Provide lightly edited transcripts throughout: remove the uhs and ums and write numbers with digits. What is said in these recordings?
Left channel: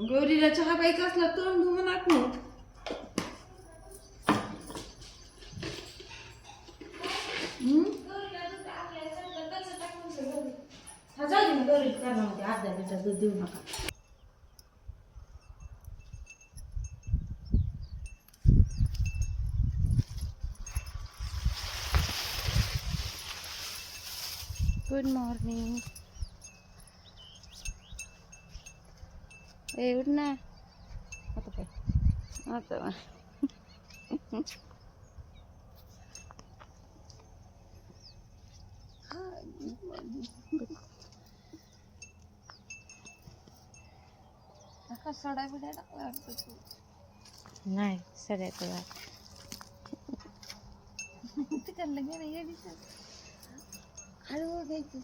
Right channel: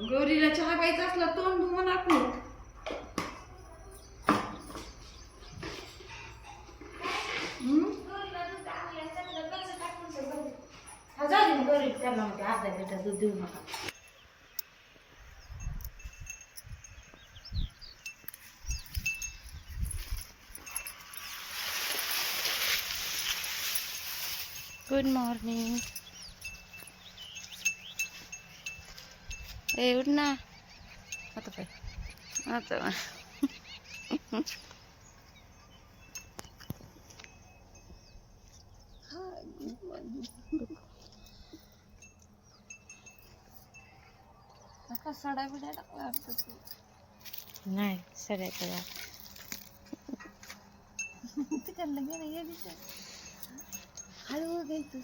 गौरीला चहा प्यायचा असला तोंड धु म्हणा की. गौरी त्यामध्ये अर्धा लिटर दूध देऊ नका. Good morning. ए उठ ना आता काय आता नका सडा बिडा टाकला नाही सगळ्यात तिकडलं गेलं ये दिसत हळू घ्यायचं.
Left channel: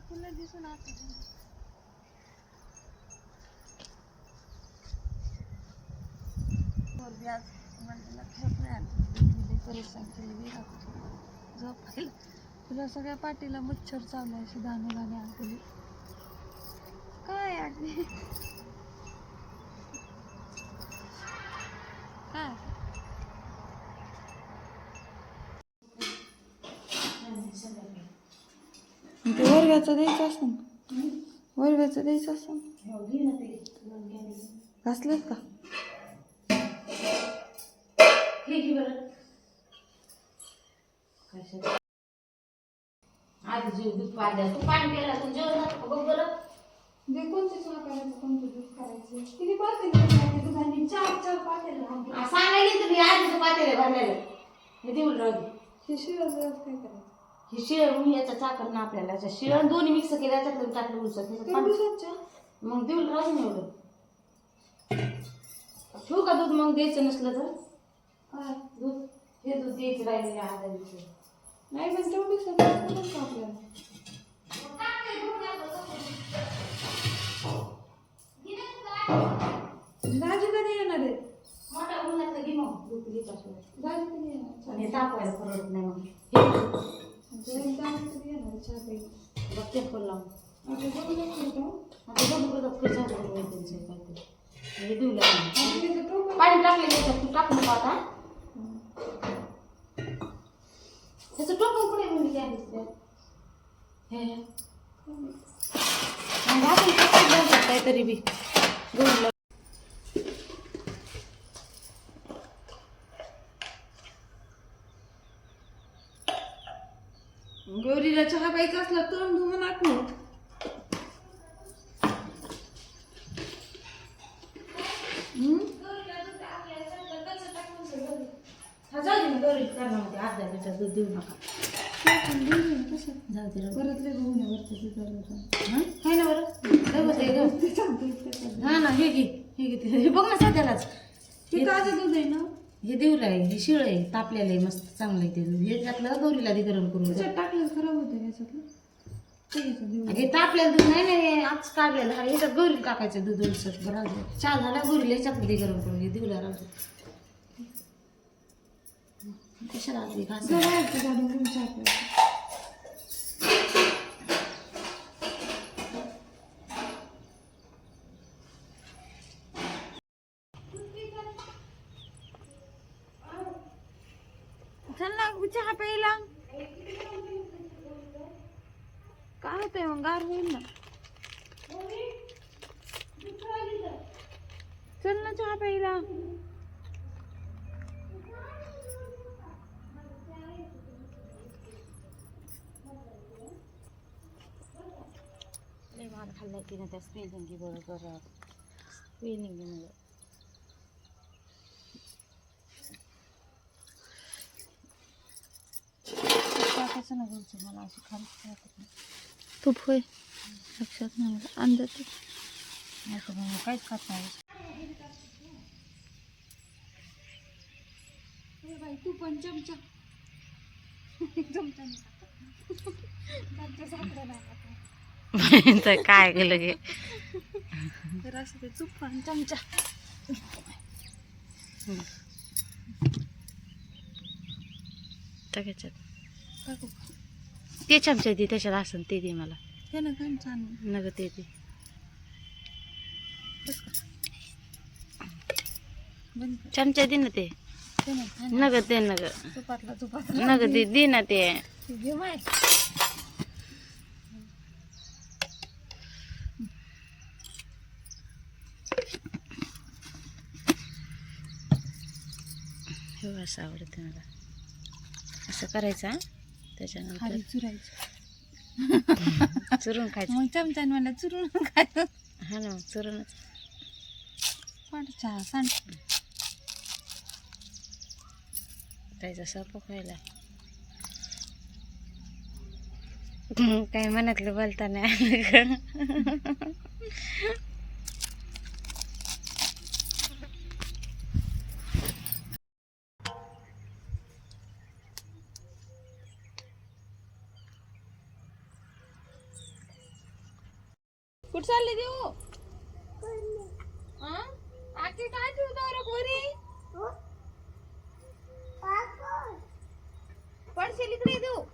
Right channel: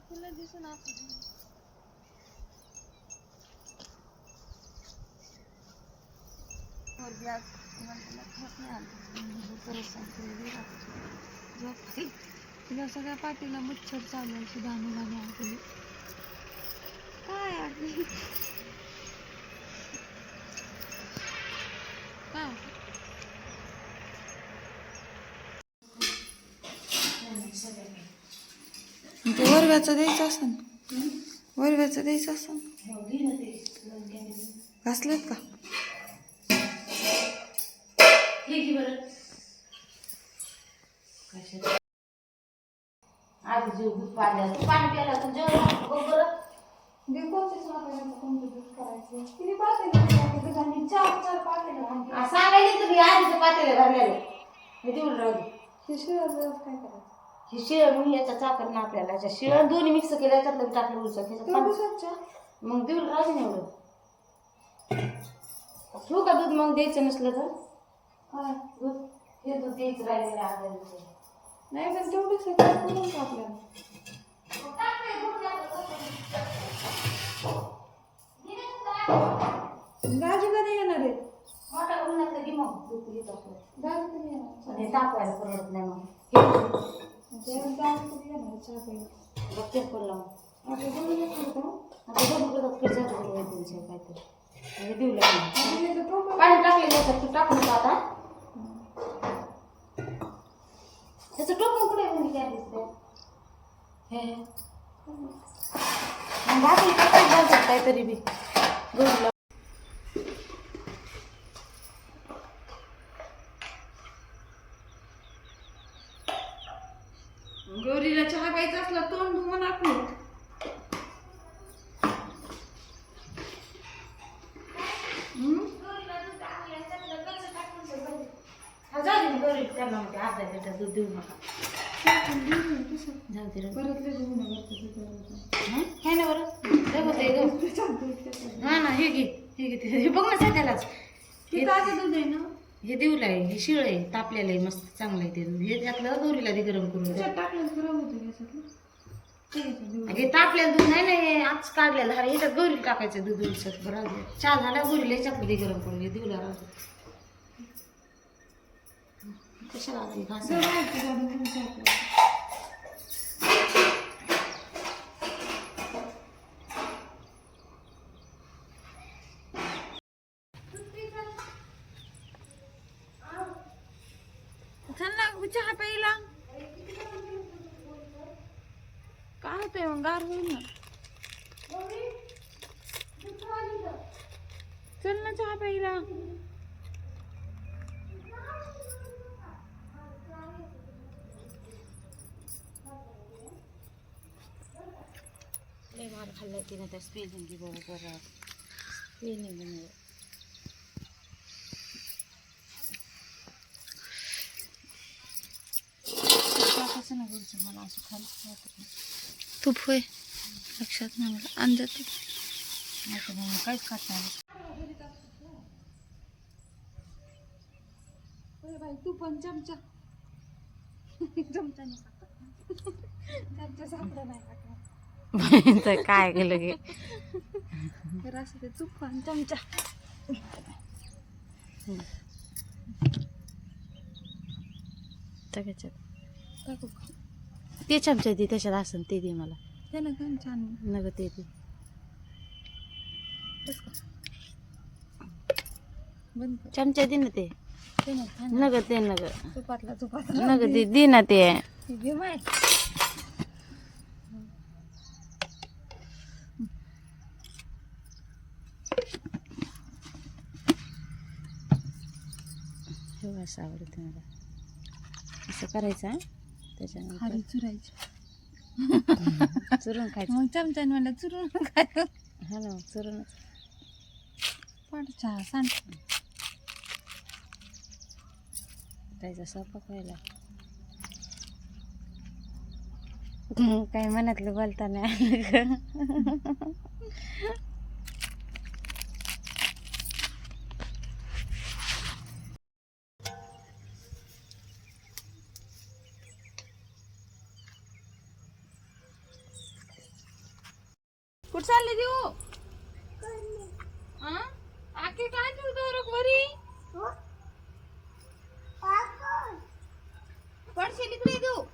फुलं दिसून तुला सगळ्या पाठीला मच्छर चालू अशी दाणे दाणे आली काय आली काय ते वरव्याचं द्यायचं असन वरव्याचं द्यायचं असन घासलेत का आज जीव दूध पाजल्या तू पाणी प्यायला तर जेवण बघ बरं मी कोणते सोनापायला कोणतं दूध करायचं किती पातेले दुधाने चार पातेले सांगायला तुम्ही आधीच पातेले भरलेले मी देऊन राहू हे शिळ काय करायचं हे शिळ म्हणून याचा चाकर ना आपल्याला याच्या शिळ दोन्ही मिक्स केलं याच्यातलं टाकलं उलसं मग देऊन राहू ना एवढं ठेवू का दूध मग द्यायचं नसलं तर दूध हे दूध द्यायचं राहिलेलं अर्धा लिटर नाही पण तेवढं करून का आपल्याला दाजी कधी येणार आहे मोठा उन्हात घे मग दूध घेत असलं दाजी कधी येणार आणि तापवायला परवडत नाही मग दाजी कधी येणार चहा प्यायला बघते पण लावून आता दोन करतो आता दोन करतात कसं त्यांचं काहीतरी म्हणजे देऊ लागेल पाणी टाकलं त्याच्यात तू टाकू नको आता त्याचं टोपण कुठे म्हणजे काय दिसतंय हे भाकरी कसं घालतात काहीतरी बी गौरीला गौरीला चहा प्यायचा असला तोंड धु म्हणा की. गौरी त्यामध्ये अर्धा लिटर दूध देऊ नका जाऊ दे परत हे ना बरं ना हे घे हे बघ ना सध्यालाच हे ताजं दूध आहे ना हे देऊला आहे हे शिळ आहे तापलेलं आहे मस्त चांगलं आहे ते दूध हे टाकलं गौरीला दे गरम करून टाकलं खराब होतं हे तापलेलं दूध नाही नाही आज काढलेलं अरे ह्याच्यात गौरीला टाकायचं दूध उलसत बरं चहा झाल्या गौरीला ह्याच्यात दे गरम करून हे देऊला राहतो कशाला आधी चल ना चहा प्यायला काय होतंय मग गार होईल ना चल ना चहा प्यायला मार खाल्ला तिने त्या स्पेलिंग बरोबर स्पेलिंग असं ना घरचं मला असं खाली वाटत नाही. तूप होय लक्षात नाही मला अंदाज नाही तर मग काहीच खात नाही. बाई तू पण चमचा चमचा नाही खात. चमचा सापडा नाही खात. तर काय केलं गे तर असं ते तूप आणि चमचा टाकायच्यात टाकू. ते चमचा दे त्याच्यात असं ते दे मला हे ना काय छान नग ते दे बस का बंद कर. चमचा दे ना ते ते नाही छान नग ते नग तुपातला नग दे दे ना ते घे माय. हे असं आवडतं मला असं करायचं त्याच्यानंतर खाली चुरायची चुरून खायचं मग चमच्याने मला चुरून खायचं. हा ना चुरूनच चहा सांड त्याचा स्वयंपाक व्हायला काही मनातलं बोलता नाही आलं ग. कुठं चालले देऊ आकी काय देऊ गौरव वरी पडशील इकडे देऊ.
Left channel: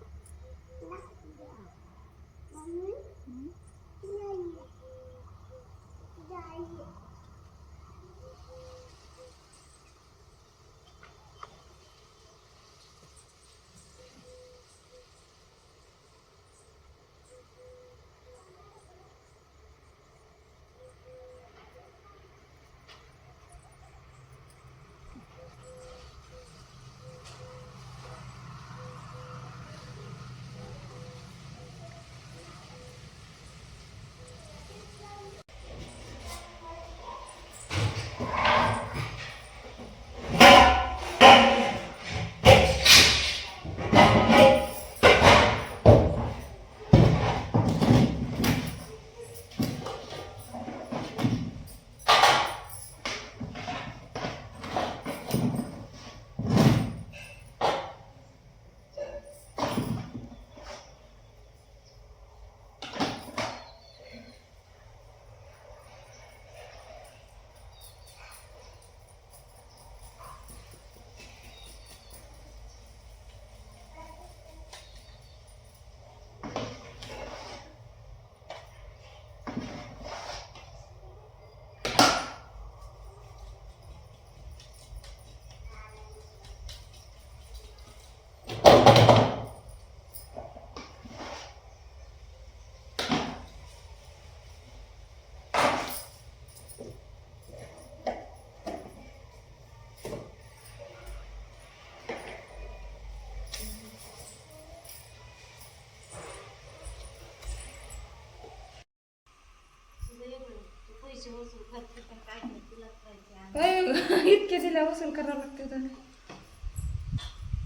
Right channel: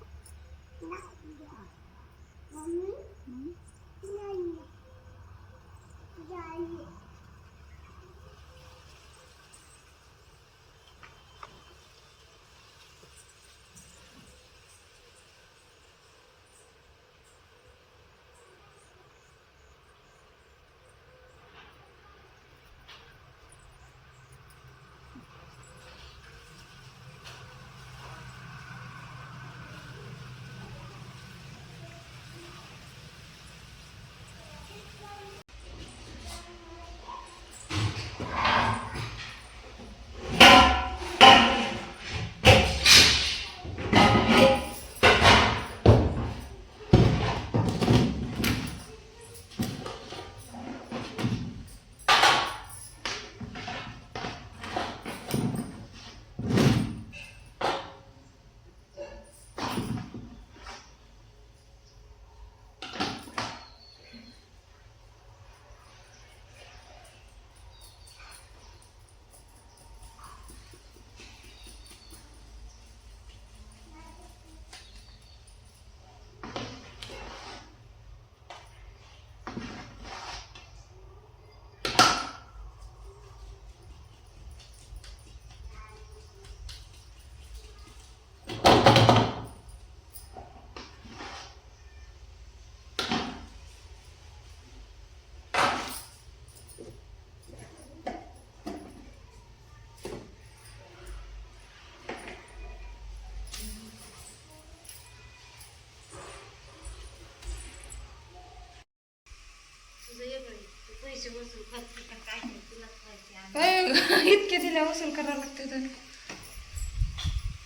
इतके दिल्या वसूल करावं लागतं